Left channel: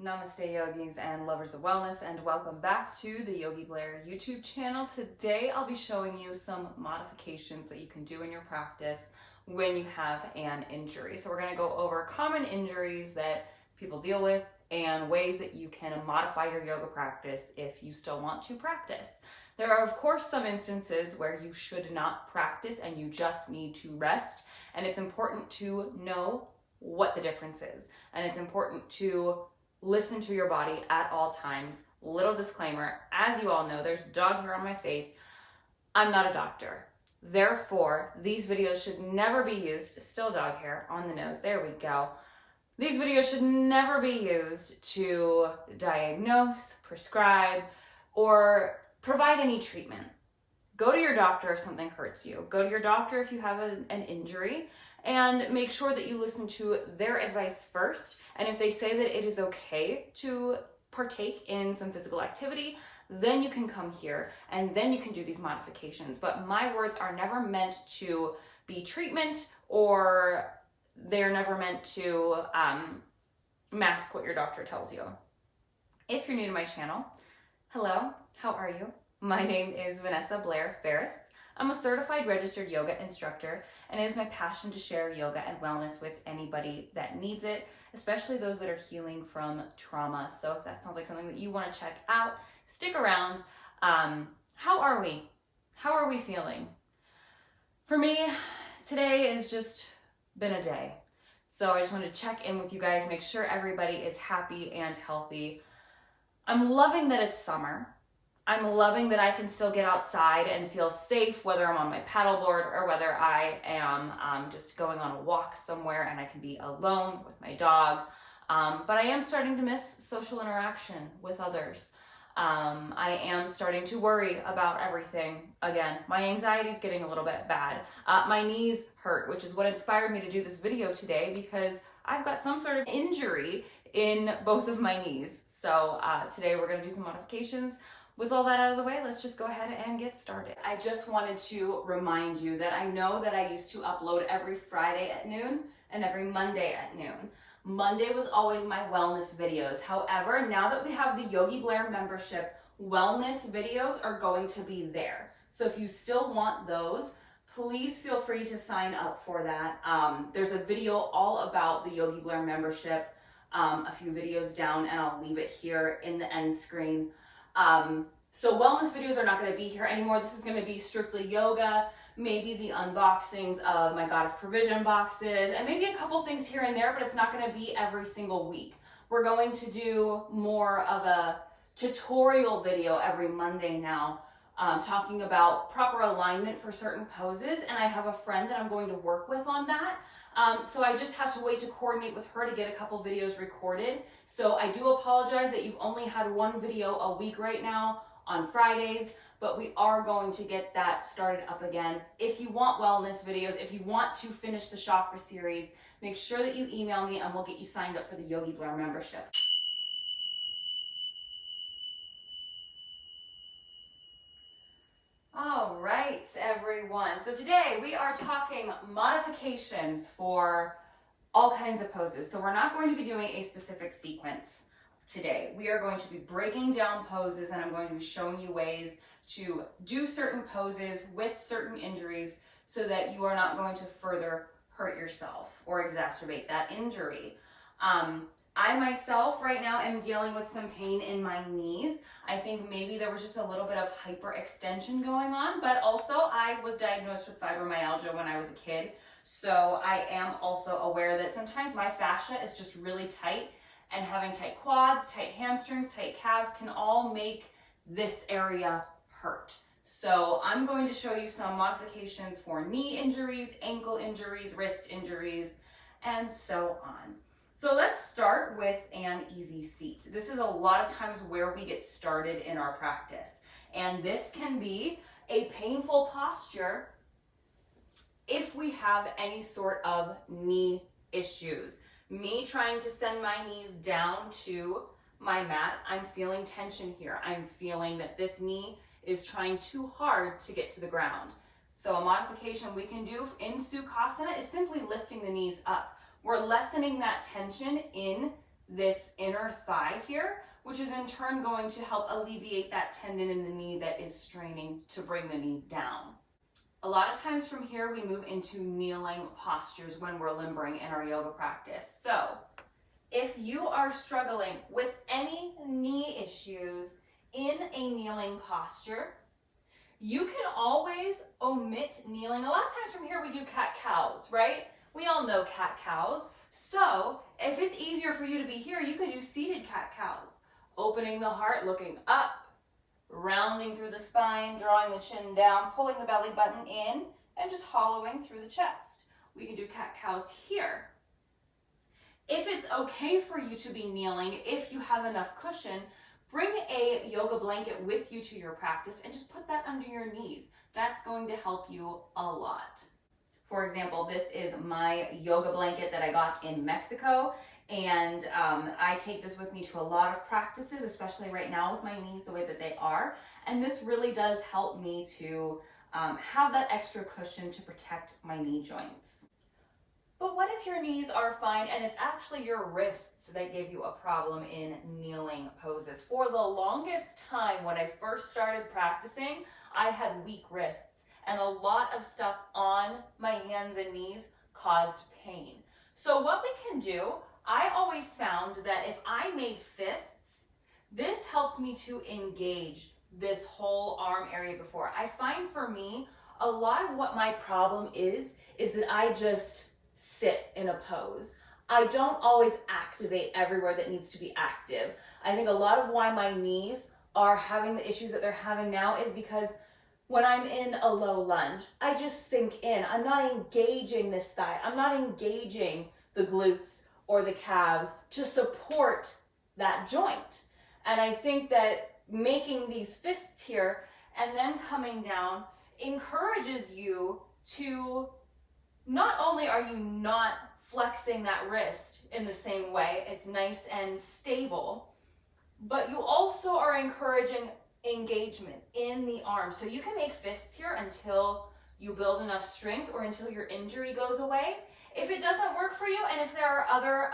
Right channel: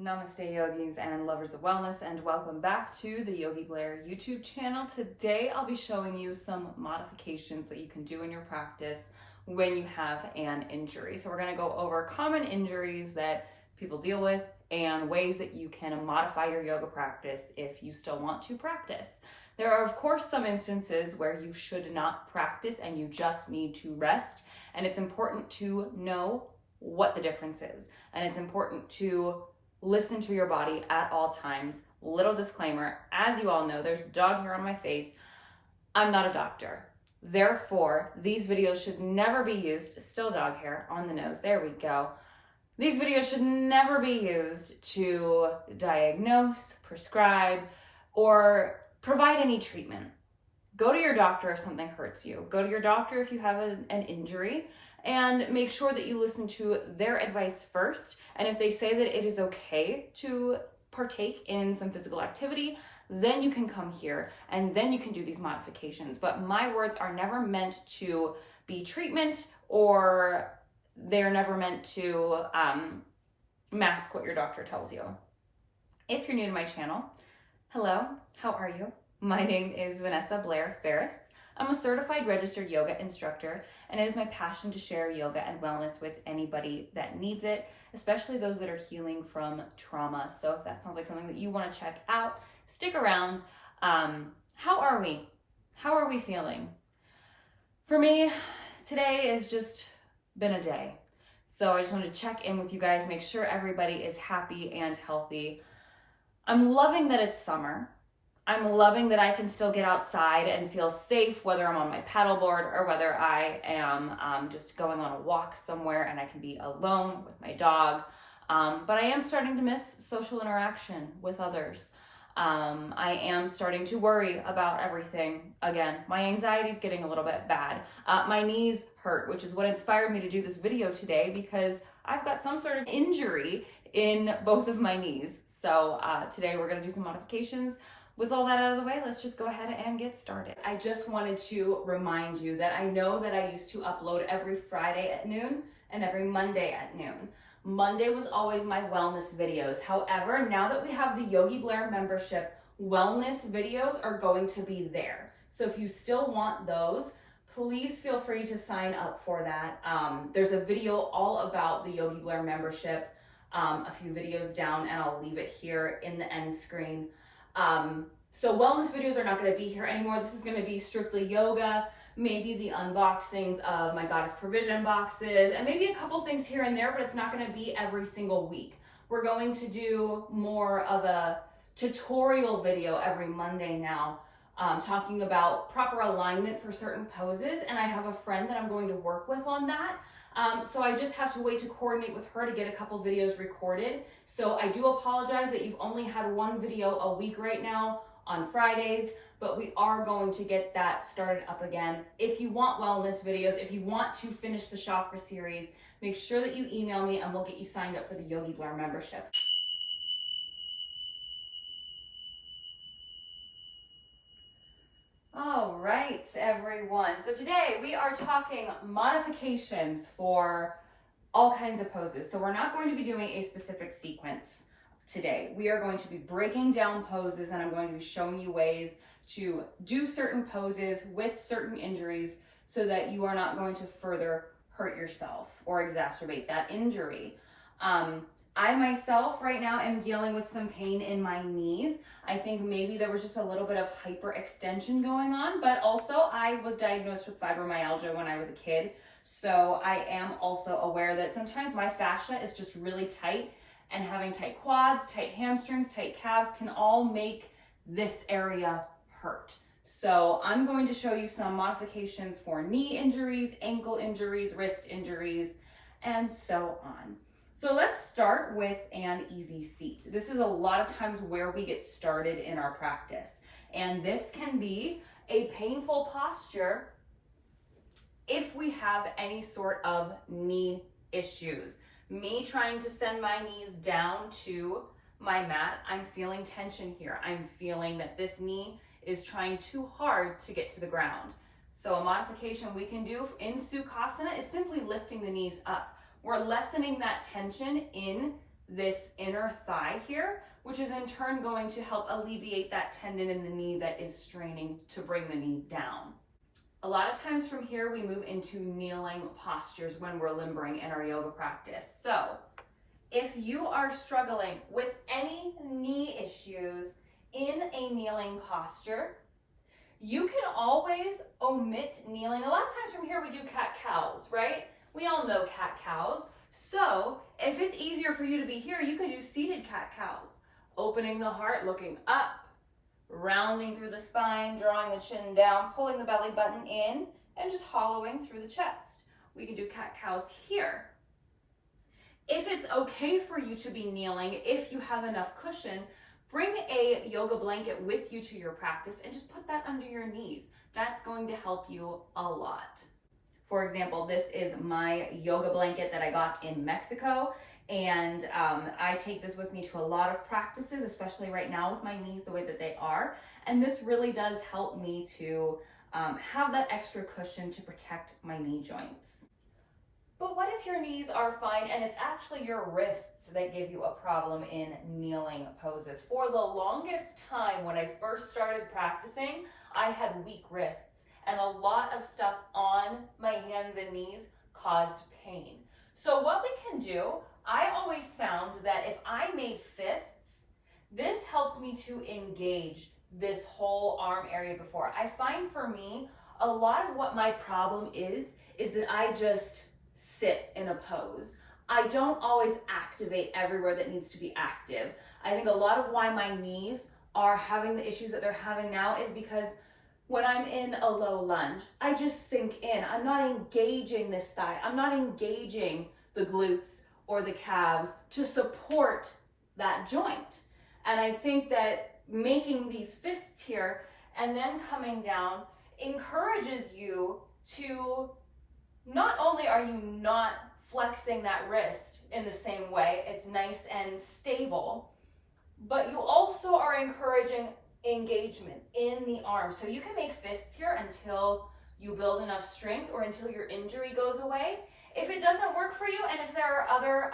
Namaste yogis and lovers of wellness, and welcome back to the Yogi Blair YouTube channel. Today I'll be showing you some modifications that you can do in your practice when you have an injury. So we're going to go over common injuries that people deal with and ways that you can modify your yoga practice if you still want to practice. There are of course some instances where you should not practice and you just need to rest, and it's important to know what the difference is, and it's important to listen to your body at all times. Little disclaimer, as you all know, there's dog hair on my face. I'm not a doctor. Therefore, these videos should never be used, still dog hair on the nose, there we go. These videos should never be used to diagnose, prescribe, or provide any treatment. Go to your doctor if something hurts you. Go to your doctor if you have an injury, and make sure that you listen to their advice first. And if they say that it is okay to partake in some physical activity, then you can come here and then you can do these modifications. But my words are never meant to be treatment, or they're never meant to mask what your doctor tells you. If you're new to my channel, hello, how are you? My name is Vanessa Blair Ferris. I'm a certified registered yoga instructor, and it is my passion to share yoga and wellness with anybody that needs it, especially those that are healing from trauma. So if that sounds like something that you want to check out, stick around. How are we? How are we feeling? For me, today has just been a day. So I just wanted to check in with you guys, make sure everybody is happy and healthy. I'm loving that it's summer. I'm loving that I can still get outside and feel safe, whether I'm on my paddleboard or whether I am just going on a walk somewhere and I can be alone with my dog. But I am starting to miss social interaction with others. I am starting to worry about everything again. My anxiety is getting a little bit bad. My knees hurt, which is what inspired me to do this video today, because I've got some sort of injury in both of my knees. So today we're going to do some modifications. With all that out of the way, let's just go ahead and get started. I just wanted to remind you that I know that I used to upload every Friday at noon and every Monday at noon. Monday was always my wellness videos. However, now that we have the Yogi Blair membership, wellness videos are going to be there. So if you still want those, please feel free to sign up for that. There's a video all about the Yogi Blair membership, a few videos down, and I'll leave it here in the end screen. So wellness videos are not going to be here anymore. This is going to be strictly yoga, maybe the unboxings of my Goddess Provision boxes, and maybe a couple things here and there, but it's not going to be every single week. We're going to do more of a tutorial video every Monday now, talking about proper alignment for certain poses, and I have a friend that I'm going to work with on that. So I just have to wait to coordinate with her to get a couple videos recorded. So I do apologize that you've only had one video a week right now on Fridays, but we are going to get that started up again. If you want wellness videos, if you want to finish the chakra series, make sure that you email me and we'll get you signed up for the Yogi Blair membership. All right, everyone. So today we are talking modifications for all kinds of poses. So we're not going to be doing a specific sequence today. We are going to be breaking down poses, and I'm going to be showing you ways to do certain poses with certain injuries so that you are not going to further hurt yourself or exacerbate that injury. I myself right now am dealing with some pain in my knees. I think maybe there was just a little bit of hyperextension going on, but also I was diagnosed with fibromyalgia when I was a kid. So I am also aware that sometimes my fascia is just really tight, and having tight quads, tight hamstrings, tight calves can all make this area hurt. So I'm going to show you some modifications for knee injuries, ankle injuries, wrist injuries, and so on. So let's start with an easy seat. This is a lot of times where we get started in our practice. And this can be a painful posture if we have any sort of knee issues. Me trying to send my knees down to my mat, I'm feeling tension here. I'm feeling that this knee is trying too hard to get to the ground. So a modification we can do in Sukhasana is simply lifting the knees up. We're lessening that tension in this inner thigh here, which is in turn going to help alleviate that tendon in the knee that is straining to bring the knee down. A lot of times from here, we move into kneeling postures when we're limbering in our yoga practice. So if you are struggling with any knee issues in a kneeling posture, you can always omit kneeling. A lot of times from here, we do cat-cows, right? We all know cat-cows. So if it's easier for you to be here, you could do seated cat-cows. Opening the heart, looking up, rounding through the spine, drawing the chin down, pulling the belly button in, and just hollowing through the chest. We can do cat-cows here. If it's okay for you to be kneeling, if you have enough cushion, bring a yoga blanket with you to your practice and just put that under your knees. That's going to help you a lot. For example, this is my yoga blanket that I got in Mexico. And I take this with me to a lot of practices, especially right now with my knees the way that they are. And this really does help me to have that extra cushion to protect my knee joints. But what if your knees are fine and it's actually your wrists that give you a problem in kneeling poses? For the longest time, when I first started practicing, I had weak wrists and a lot of stuff on my hands and knees caused pain. So what we can do, I always found that if I made fists, this helped me to engage this whole arm area before. I find for me, a lot of what my problem is that I just sit in a pose. I don't always activate everywhere that needs to be active. I think a lot of why my knees are having the issues that they're having now is because when I'm in a low lunge, I just sink in. I'm not engaging this thigh. I'm not engaging the glutes or the calves to support that joint. And I think that making these fists here and then coming down encourages you to, not only are you not flexing that wrist in the same way, it's nice and stable, but you also are encouraging engagement in the arm. So you can make fists here until you build enough strength or until your injury goes away. If it doesn't work for you, and if there are other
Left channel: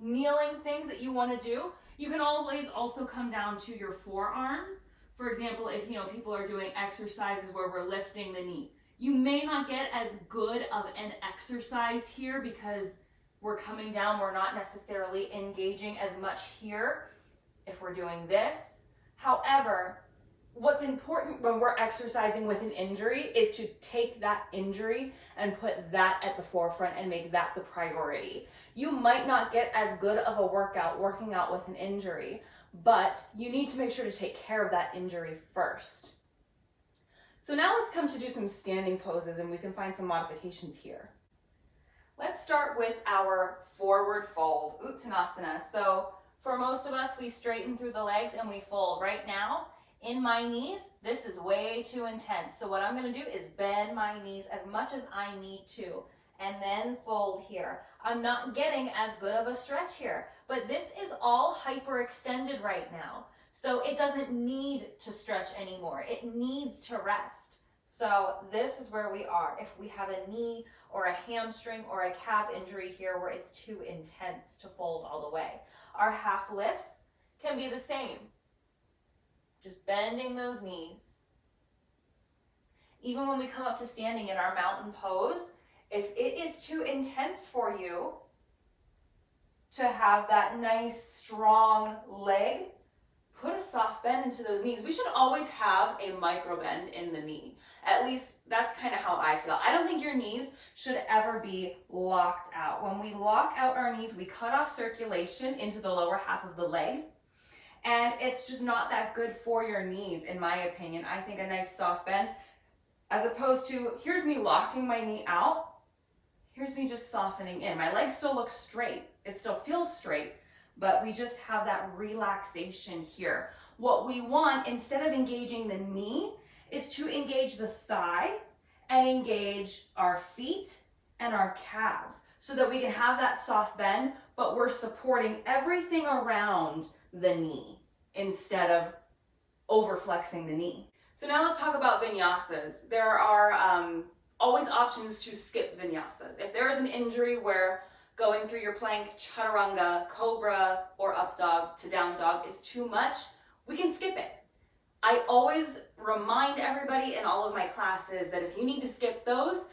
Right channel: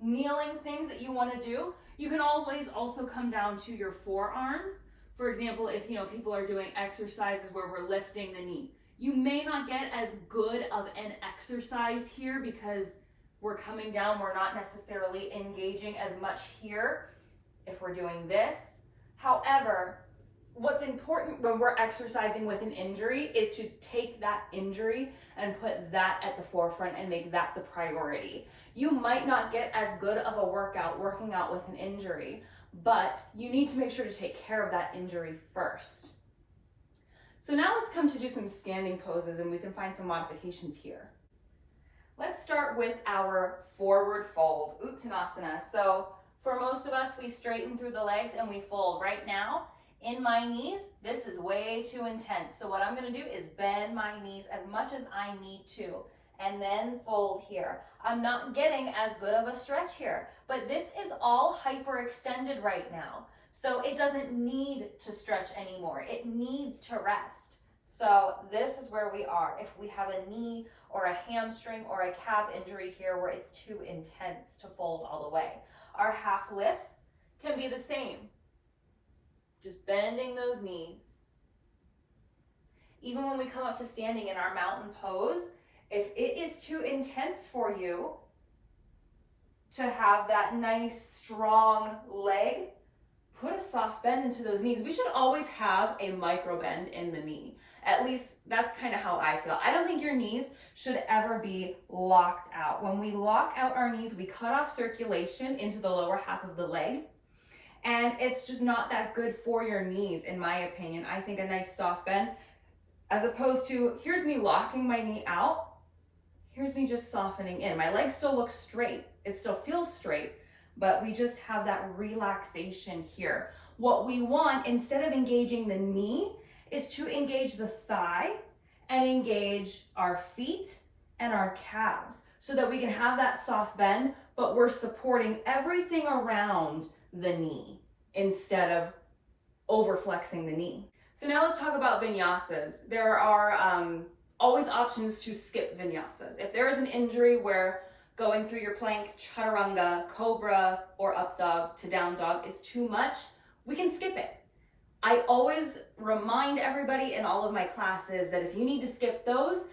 kneeling things that you want to do, you can always also come down to your forearms. For example, if people are doing exercises where we're lifting the knee, you may not get as good of an exercise here because we're coming down, we're not necessarily engaging as much here if we're doing this. However, what's important when we're exercising with an injury is to take that injury and put that at the forefront and make that the priority. You might not get as good of a working out with an injury, but you need to make sure to take care of that injury first. So now let's come to do some standing poses and we can find some modifications here. Let's start with our forward fold, Uttanasana. So for most of us, we straighten through the legs and we fold. Right now, in my knees, this is way too intense. So what I'm gonna do is bend my knees as much as I need to and then fold here. I'm not getting as good of a stretch here, but this is all hyperextended right now. So it doesn't need to stretch anymore. It needs to rest. So this is where we are. If we have a knee or a hamstring or a calf injury here where it's too intense to fold all the way. Our half lifts can be the same. Just bending those knees. Even when we come up to standing in our mountain pose, if it is too intense for you to have that nice strong leg, put a soft bend into those knees. We should always have a micro bend in the knee. At least that's kind of how I feel. I don't think your knees should ever be locked out. When we lock out our knees, we cut off circulation into the lower half of the leg. And it's just not that good for your knees, in my opinion. I think a nice soft bend, as opposed to, here's me locking my knee out, here's me just softening in. My leg still looks straight. It still feels straight, but we just have that relaxation here. What we want, instead of engaging the knee, is to engage the thigh and engage our feet and our calves so that we can have that soft bend, but we're supporting everything around the knee instead of overflexing the knee. So now let's talk about vinyasas. There are always options to skip vinyasas. If there is an injury where, going through your plank, chaturanga, cobra, or up dog to down dog is too much, we can skip it. I always remind everybody in all of my classes that if you need to skip those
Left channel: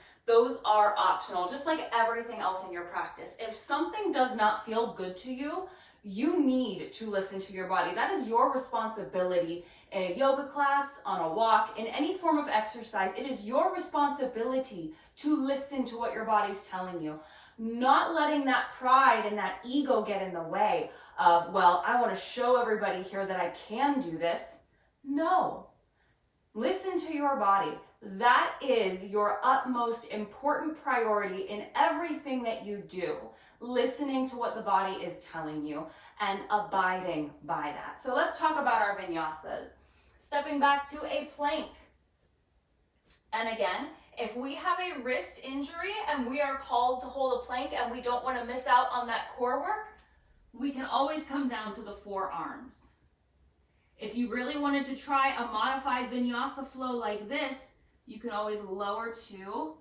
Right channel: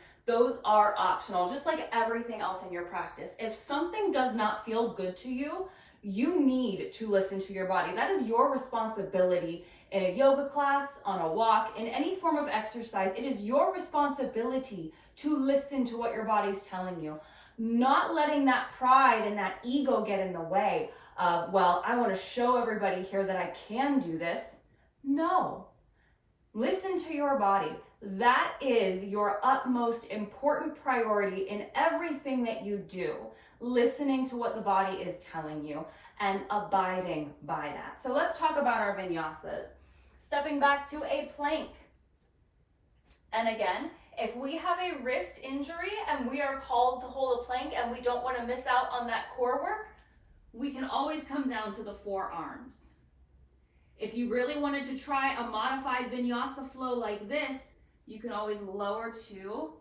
are optional, just like everything else in your practice. If something does not feel good to you, you need to listen to your body. That is your responsibility in a yoga class, on a walk, in any form of exercise. It is your responsibility to listen to what your body's telling you. Not letting that pride and that ego get in the way of, well, I want to show everybody here that I can do this. No. Listen to your body. That is your utmost important priority in everything that you do. Listening to what the body is telling you and abiding by that. So let's talk about our vinyasas. Stepping back to a plank. And again, if we have a wrist injury and we are called to hold a plank and we don't want to miss out on that core work, we can always come down to the forearms. If you really wanted to try a modified vinyasa flow like this, you can always lower to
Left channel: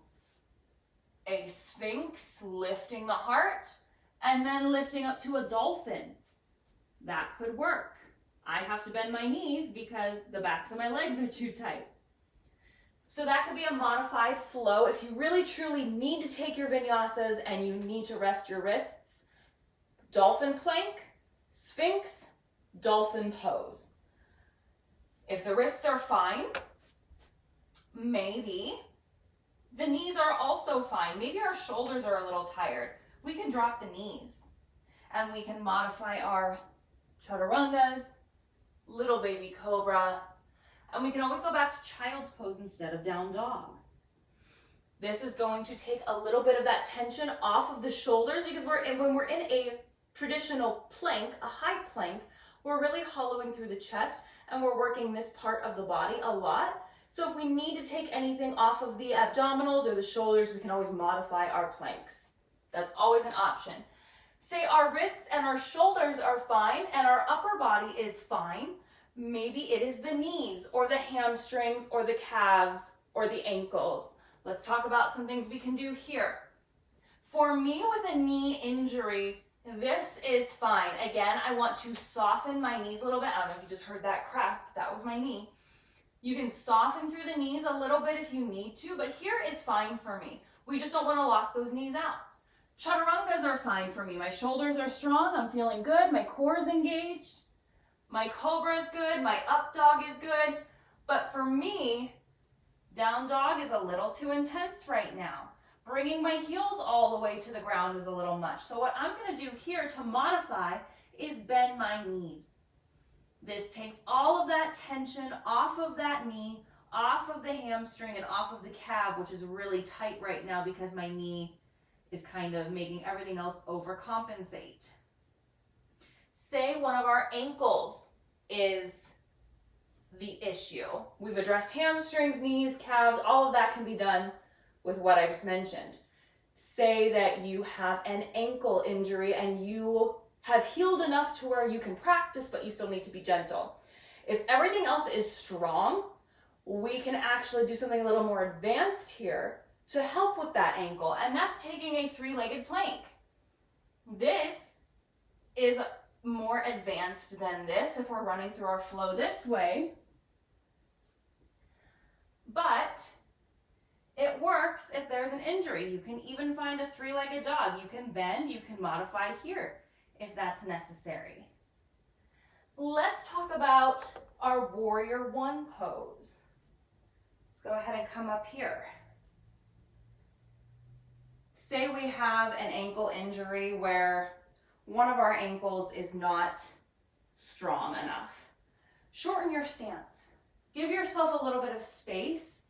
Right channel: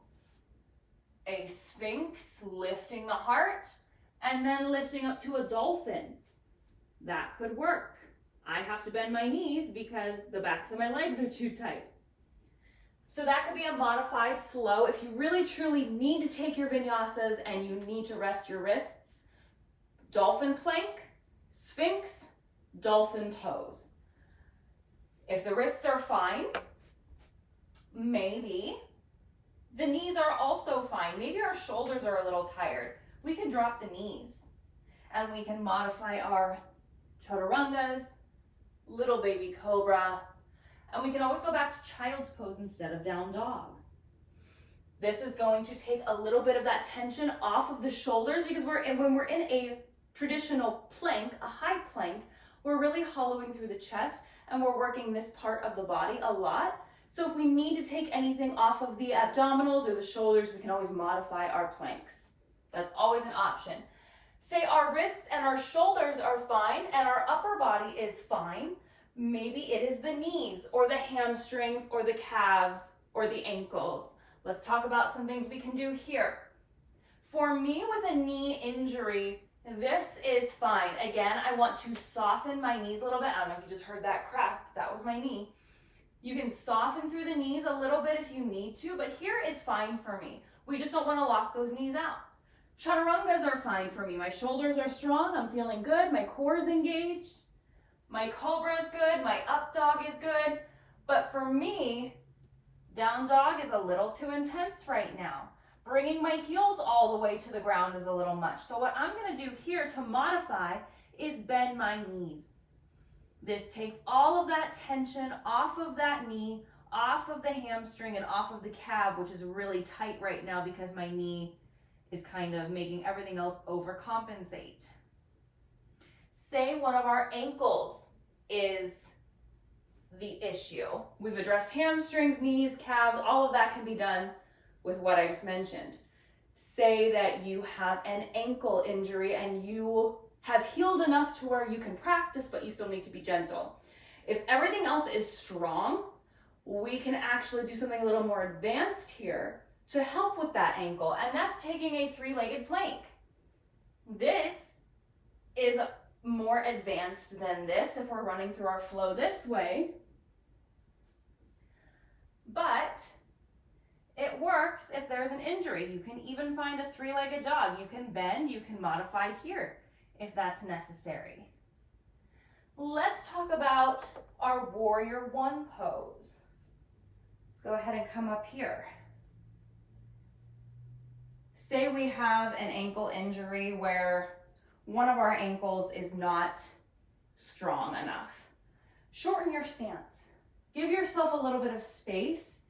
a sphinx, lifting the heart, and then lifting up to a dolphin. That could work. I have to bend my knees because the backs of my legs are too tight. So that could be a modified flow. If you really truly need to take your vinyasas and you need to rest your wrists, dolphin plank, sphinx, dolphin pose. If the wrists are fine, maybe the knees are also fine. Maybe our shoulders are a little tired. We can drop the knees and we can modify our chaturangas, little baby cobra, and we can always go back to child's pose instead of down dog. This is going to take a little bit of that tension off of the shoulders because when we're in a traditional plank, a high plank, we're really hollowing through the chest and we're working this part of the body a lot. So if we need to take anything off of the abdominals or the shoulders, we can always modify our planks. That's always an option. Say our wrists and our shoulders are fine and our upper body is fine. Maybe it is the knees or the hamstrings or the calves or the ankles. Let's talk about some things we can do here. For me with a knee injury, this is fine. Again, I want to soften my knees a little bit. I don't know if you just heard that crack. That was my knee. You can soften through the knees a little bit if you need to, but here is fine for me. We just don't want to lock those knees out. Chaturangas are fine for me. My shoulders are strong. I'm feeling good. My core is engaged. My cobra is good. My up dog is good. But for me, down dog is a little too intense right now. Bringing my heels all the way to the ground is a little much. So what I'm going to do here to modify is bend my knees. This takes all of that tension off of that knee, off of the hamstring, and off of the calf, which is really tight right now because my knee is kind of making everything else overcompensate. Say one of our ankles is the issue. We've addressed hamstrings, knees, calves, all of that can be done with what I just mentioned. Say that you have an ankle injury and you have healed enough to where you can practice, but you still need to be gentle. If everything else is strong, we can actually do something a little more advanced here to help with that ankle, and that's taking a three-legged plank. This is more advanced than this if we're running through our flow this way, but it works if there's an injury. You can even find a three-legged dog. You can bend, you can modify here if that's necessary. Let's talk about our warrior one pose. Let's go ahead and come up here. Say we have an ankle injury where one of our ankles is not strong enough. Shorten your stance. Give yourself a little bit of space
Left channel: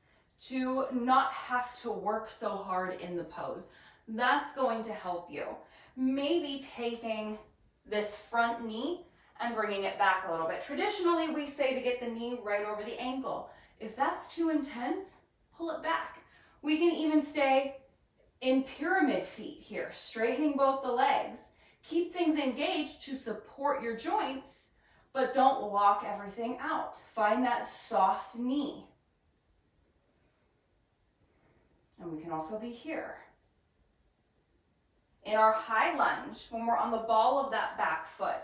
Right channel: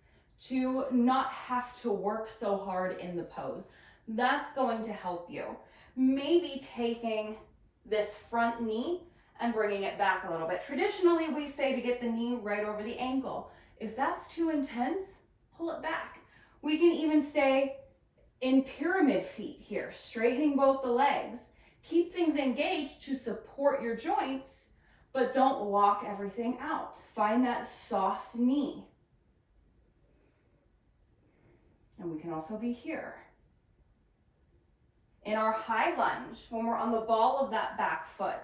to not have to work so hard in the pose. That's going to help you. Maybe taking this front knee and bringing it back a little bit. Traditionally, we say to get the knee right over the ankle. If that's too intense, pull it back. We can even stay in pyramid feet here, straightening both the legs. Keep things engaged to support your joints, but don't lock everything out. Find that soft knee. And we can also be here. In our high lunge, when we're on the ball of that back foot,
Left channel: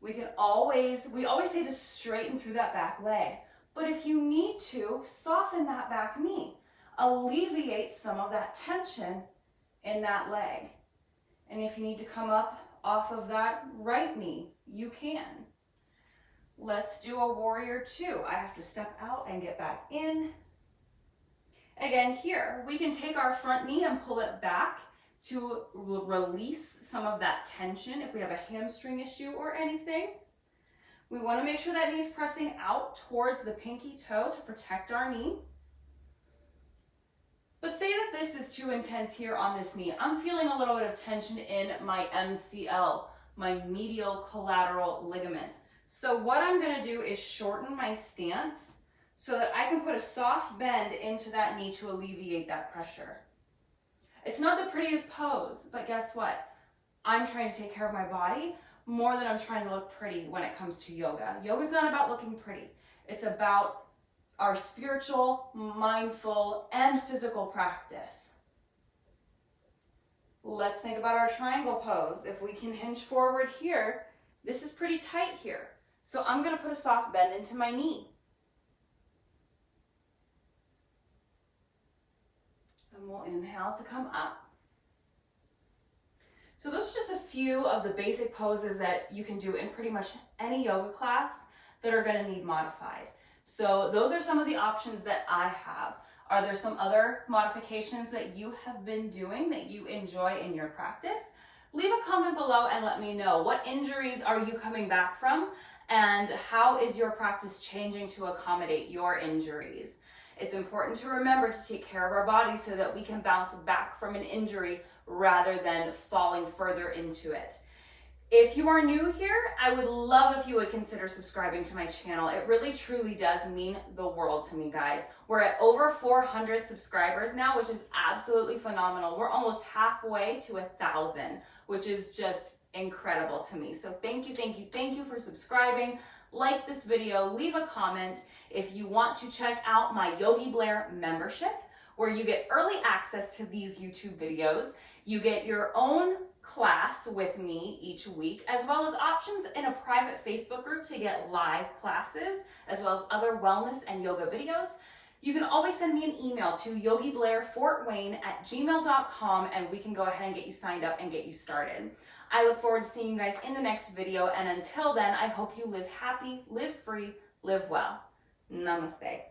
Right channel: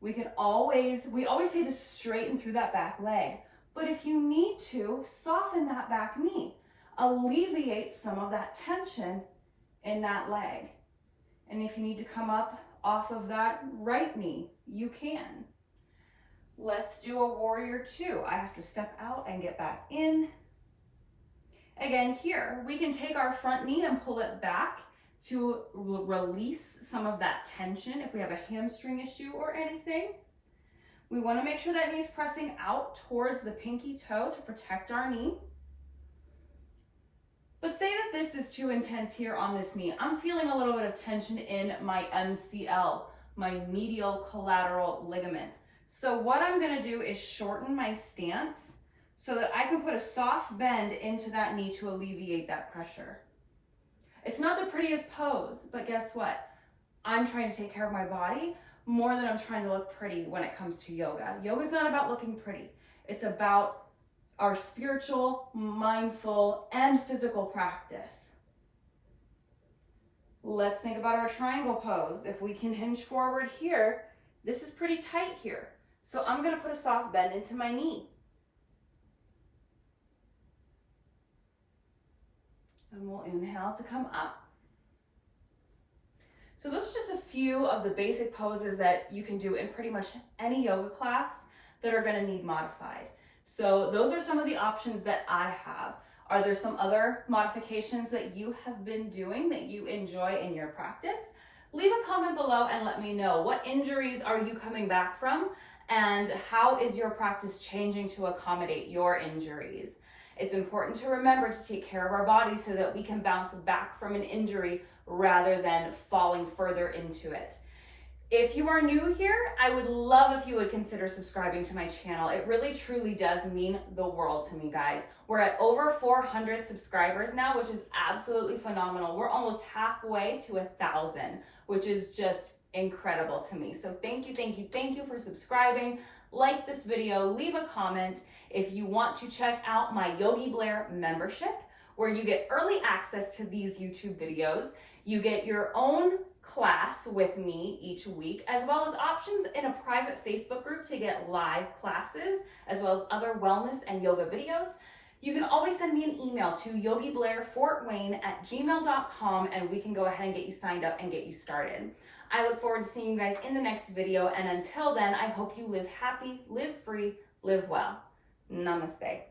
we always say to straighten through that back leg. But if you need to, soften that back knee. Alleviate some of that tension in that leg. And if you need to come up off of that right knee, you can. Let's do a warrior two. I have to step out and get back in. Again, here, we can take our front knee and pull it back to release some of that tension if we have a hamstring issue or anything. We want to make sure that knee's pressing out towards the pinky toe to protect our knee. But say that this is too intense here on this knee. I'm feeling a little bit of tension in my MCL, my medial collateral ligament. So what I'm going to do is shorten my stance so that I can put a soft bend into that knee to alleviate that pressure. It's not the prettiest pose, but guess what? I'm trying to take care of my body more than I'm trying to look pretty when it comes to yoga. Yoga's not about looking pretty. It's about our spiritual, mindful, and physical practice. Let's think about our triangle pose. If we can hinge forward here, this is pretty tight here. So I'm going to put a soft bend into my knee. And we'll inhale to come up. So those are just a few of the basic poses that you can do in pretty much any yoga class that are going to need modified. So those are some of the options that I have. Are there some other modifications that you have been doing that you enjoy in your practice? Leave a comment below and let me know. What injuries are you coming back from? And how is your practice changing to accommodate your injuries? It's important to remember to take care of our body so that we can bounce back from an injury rather than falling further into it. If you are new here, I would love if you would consider subscribing to my channel. It really truly does mean the world to me, guys. We're at over 400 subscribers now, which is absolutely phenomenal. We're almost halfway to 1,000, which is just incredible to me. So thank you for subscribing. Like this video, leave a comment. If you want to check out my Yogi Blair membership, where you get early access to these YouTube videos, you get your own class with me each week, as well as options in a private Facebook group to get live classes, as well as other wellness and yoga videos. You can always send me an email to yogiblairfortwayne@gmail.com and we can go ahead and get you signed up and get you started. I look forward to seeing you guys in the next video, and until then, I hope you live happy, live free, live well. Namaste.